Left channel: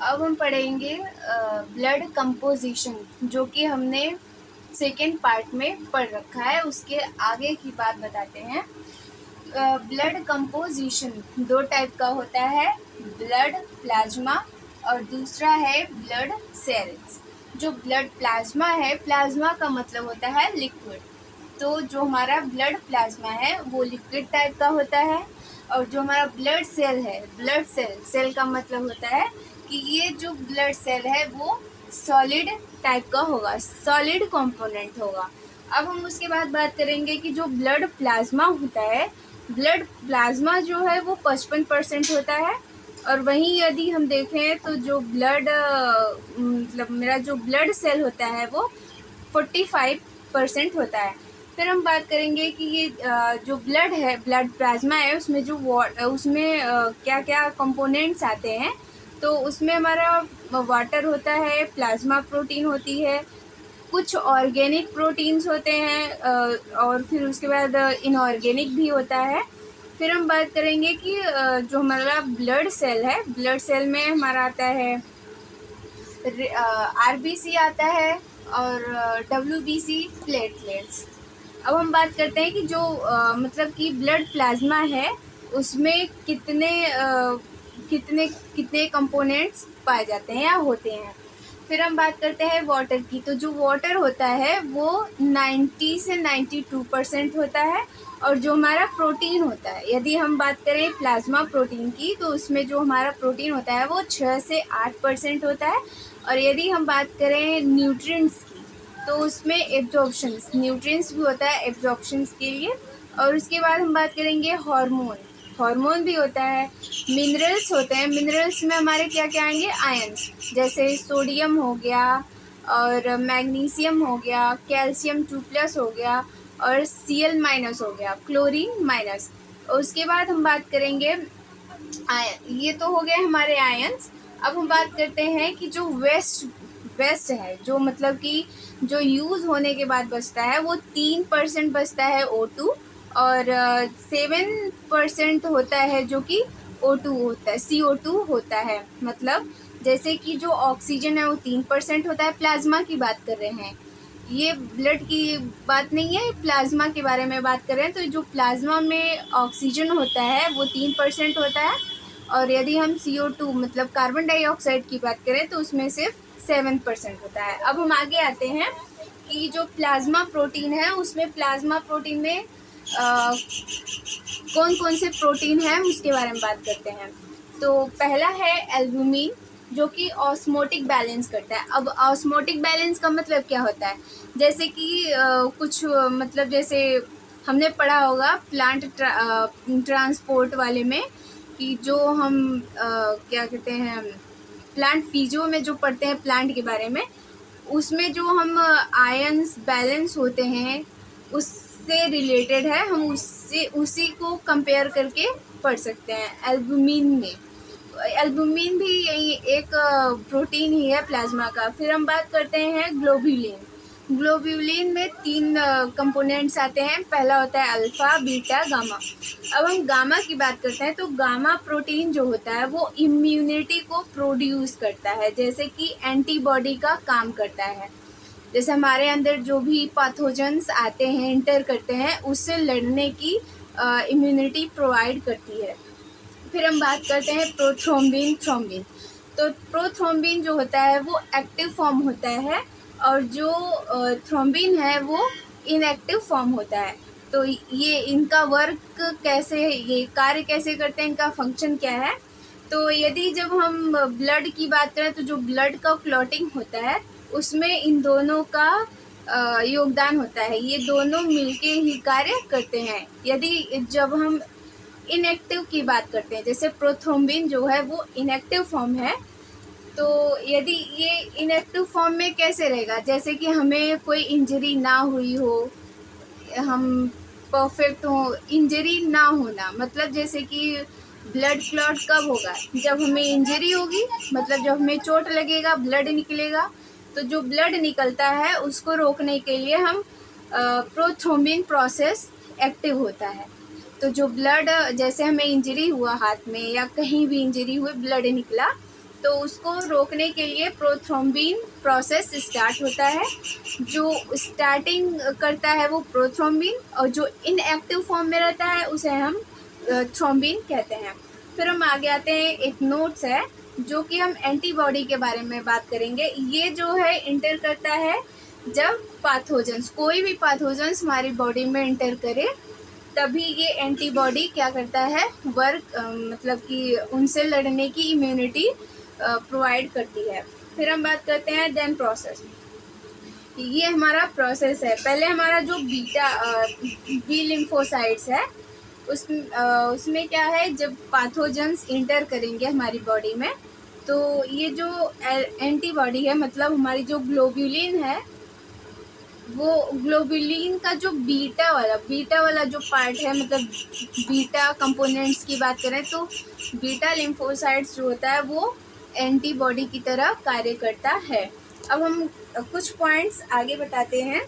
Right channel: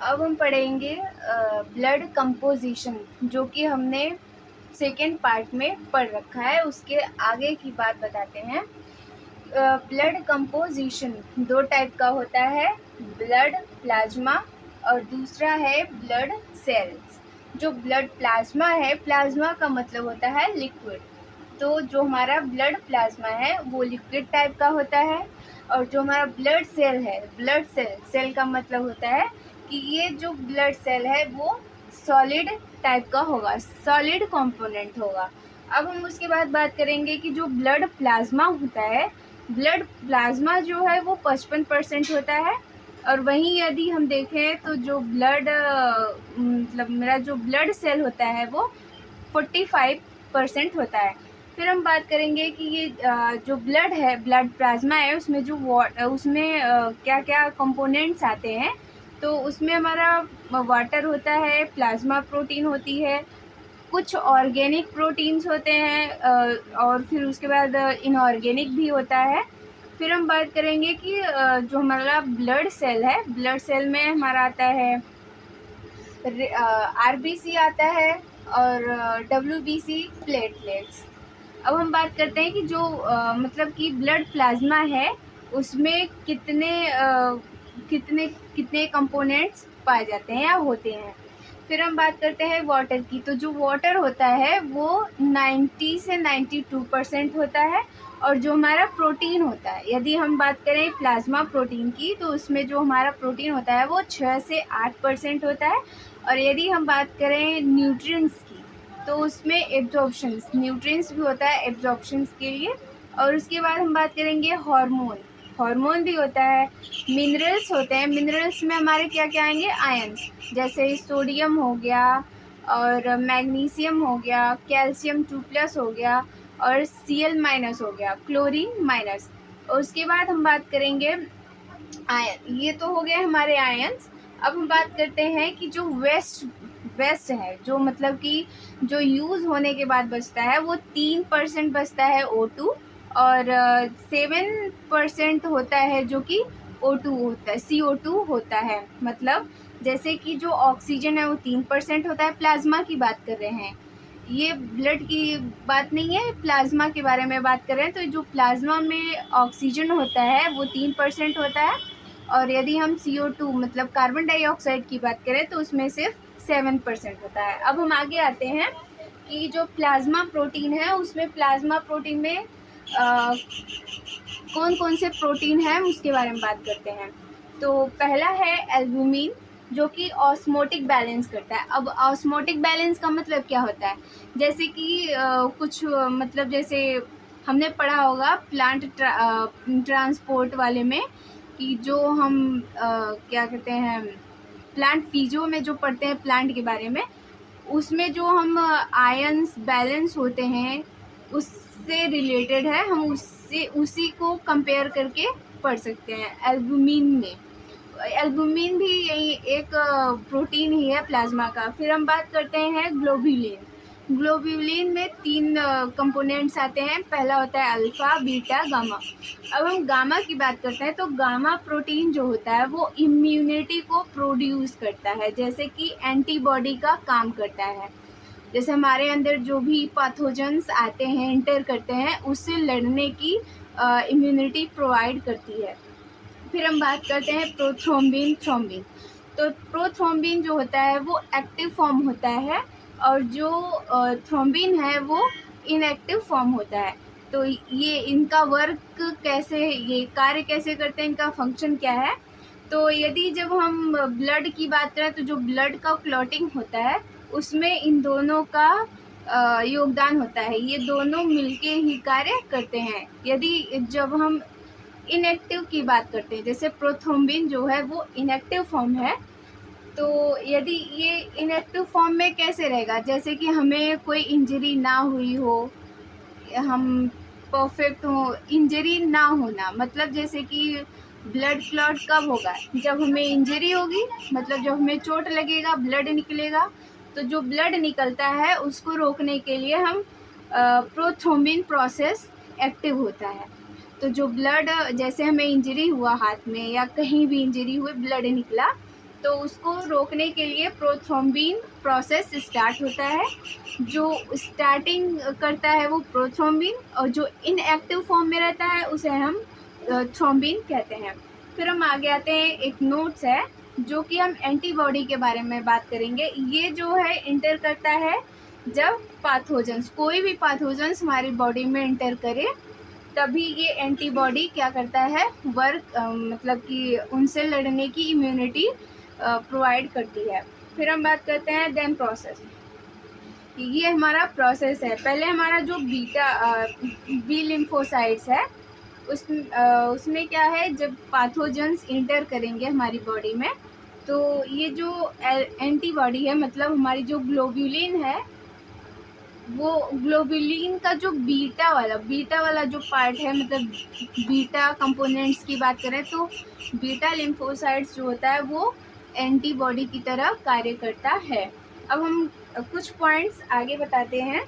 अब हम पढ़ेंगे ब्लड कंपोजिशन, जो कि हमने सेकेंड पार्ट में पढ़ रखा है। उसके आगे की बात बताते हैं। ब्लड कंपोजिशन दो टाइप का होता है, ब्लड प्लाज्मा और दूसरा है ब्लड सेल्स। जो ब्लड प्लाज्मा है, प्लाज्मा का मतलब होता है लिक्विड, तो जो हमारा ब्लड प्लाज्मा है वो लिक्विड टाइप का होता है। और जो हमारा ब्लड सेल है, ब्लड सेल, सेल का मतलब होता है कि ये जो ब्लड सेल है वो सॉलिड टाइप का होगा, सॉलिड कंपोनेंट होगा। अब हम उसके बाद बात करेंगे कि जो ब्लड प्लाज्मा होता है, ब्लड प्लाज्मा जो है वो 55% होता है। और वहीं यदि हम देखें तो जो ब्लड मतलब मेरा जो ब्लड सेल होता है वो 45% होता है। फिर हम बात करेंगे कि ये जो ब्लड है, ब्लड प्लाज्मा है, उसमें जो उसमें क्या क्या कंपोनेंट्स आते हैं। तो उसमें हमारा वाटर होता है, प्लाज्मा प्रोटीन होती है, कुछ ऑर्गेनिक प्रोटीन्स होते हैं, और फिर उसके बाद इनऑर्गेनिक भी होता है। फिर हम बात करेंगे कि जो हमारा ब्लड सेल है, ब्लड सेल में हमारा आता है आरबीसी आता है और डब्ल्यूबीसी प्लेटलेट्स। अब हम बात करते हैं कि जो मतलब कि ब्लड प्लाज्मा है उसमें कितने कितने कंपोनेंट्स पाए जाते हैं या होते हैं। फिर हम बात करते हैं वाटर की। तो जो वाटर होता है वो 90 से 92% होता है। और जो हमारा प्रोटीन होता है, यदि हम बात करें प्लाज्मा प्रोटीन की, तो उसमें जो हमारा प्रोटीन होता है वो 6 से 8% होता है। और यदि हम बात करें न्यूट्रिएंट्स की, तो उसमें एब्जॉर्प्शंस, न्यूट्रिएंट्स भी होता है एब्जॉर्प्शंस के लिए। और उसके बाद हम बात करेंगे हार्मोन, हार्मोन भी होता है। मिनरल्स होते हैं, मिनरल्स में हमारे क्या क्या आएंगे, आयंस, जैसे सोडियम हो गया और मैग्नीशियम हो गया, कैल्शियम 2+ हो गया और Cl- हो गया, क्लोरीन माइनस। उसके बाद हम बात करेंगे आयन, ये तो हो गए हमारे आयंस। अब हम बात करते हैं कि जो वेस्ट, वेस्ट है, जो मतलब कि जो यूज होने के बाद बचता है वो 3% बचता है O2। और 7% होता है जो कि O2 होता है, CO2 होता है। मतलब जैसे कि जो ऑक्सीजन है वो 3% होता है, प्लाज्मा की बात कर रहे हैं, ये ब्लड की बात नहीं है, प्लाज्मा के बारे में बात कर रहे हैं। तो जो प्लाज्मा में ऑक्सीजन होता है वो 3% होता है। और यदि हम CO2 मतलब कार्बन डाइऑक्साइड की बात करें तो उसमें सिर्फ 7% होता है। अब हम आगे आते हैं कि जो प्लाज्मा प्रोटीन है, उसमें प्लाज्मा प्रोटीन में कौन कौन से प्रोटीन हैं उसके बारे में बात करते हैं। तो पहला है एल्बुमिन, जो कि ऑस्मोटिक बैलेंस करता है। अब ऑस्मोटिक बैलेंस का मतलब क्या होता है, जैसे कि कुछ मतलब जैसे हमने पढ़ा होगा प्लांट ट्रांसपोर्ट वाले में, कि जो हम क्या कहते हैं, प्लांट फिजियो में जो पढ़ते हैं प्लांट के बारे में, उसमें जो हम आयंस बैलेंस होते हैं उससे रिलेटेड है, हम उससे उसी को कंपेयर करके पढ़ सकते हैं एल्बुमिन में। एल्बुमिन भी यही एक प्रोटीन ही है प्लाज्मा का। फिर हम बात करते हैं ग्लोब्यूलिन। ग्लोब्यूलिन में 3 कंपोनेंट्स आते हैं, पहला होता है अल्फा, बीटा, गामा। अब हम गामा की बात करते हैं तो गामा प्रोटीन जो होता है वो इम्यूनिटी को प्रोड्यूस करता है, जैसे कि एंटीबॉडी का काम करता है। जैसे हमारे अंदर जो भी पैथोजेंस आते हैं, एंटर करते हैं, उससे लड़ने की इम्यूनिटी प्रोवाइड करती है। फिर हम बात करते हैं प्रोथ्रोम्बिन, थ्रोम्बिन। तो प्रोथ्रोम्बिन जो होता है वो एक्टिव फॉर्म होता है और जो थ्रोम्बिन है वो इनएक्टिव फॉर्म होता है। तो ये इनका वर्क कैसे, ये कार्य कैसे करते हैं, इनका फंक्शन क्या है। तो यदि जब हम ब्लड की बात करें तो जो ब्लड का क्लॉटिंग होता है उसमें इन दोनों का योगदान होता है, ये दोनों मिलके ही कार्य करते हैं। यदि जब हम इनएक्टिव की बात करते हैं, जैसे प्रोथ्रोम्बिन जो है वो इनएक्टिव फॉर्म है, तो यदि ये इनएक्टिव फॉर्म में कैसे रहेगा, जैसे कि हमें कोई इंजरी ना हुई हो, हम परफेक्ट हो, इंजरी ना होना मतलब जैसे कि ब्लड क्लॉट कब होगा, जब हमें इंजरी होगी, मतलब जब हमें चोट लगेगा ब्लड निकलेगा। तो जो ब्लड निकलता है उसको रोकने के लिए हम प्रोथ्रोम्बिन प्रोसेस एक्टिव होता है। तो जो ब्लड, जैसे हमें इंजरी हुआ हाथ में या कहीं भी इंजरी हुई, ब्लड निकला, तो उसको रोकने के लिए प्रोथ्रोम्बिन प्रोसेस स्टार्ट होता है। जो स्टार्टिंग करता है वो प्रोथ्रोम्बिन, और जो इनएक्टिव फॉर्म में रहता है उसे हम थ्रोम्बिन कहते हैं। फिर हम आगे आते हैं, एक नोट्स है जो कि हम एंटीबॉडी के बारे में बात करेंगे। ये जो है इंटर करता है जब पैथोजेंस, कोई भी पैथोजेंस हमारी बॉडी में इंटर करे तभी ये एंटीबॉडी क्या करता है, वर्क मतलब कि उनसे लड़ने की इम्यूनिटी प्रोवाइड करती है। फिर हम बात करते हैं देन प्रोसेस। ये हमारा प्रोसेस है। पहले हमारा जो बीटा बी लिम्फोसाइट्स है उसमें क्या है, जब पैथोजेंस इंटर करेंगे हमारी बॉडी में तो ये जो एंटीबॉडी है, मतलब हमारी जो ग्लोब्यूलिन है, वो ग्लोब्यूलिन का जो बीटा वाला जो पार्ट है, मतलब बीटा कंपोनेंट्स की बात करें तो बीटा लिम्फोसाइट्स जो होता है वो एंटीबॉडी की तरह कार्य करता है। अब हम कुछ पॉइंट्स आगे बताते हैं।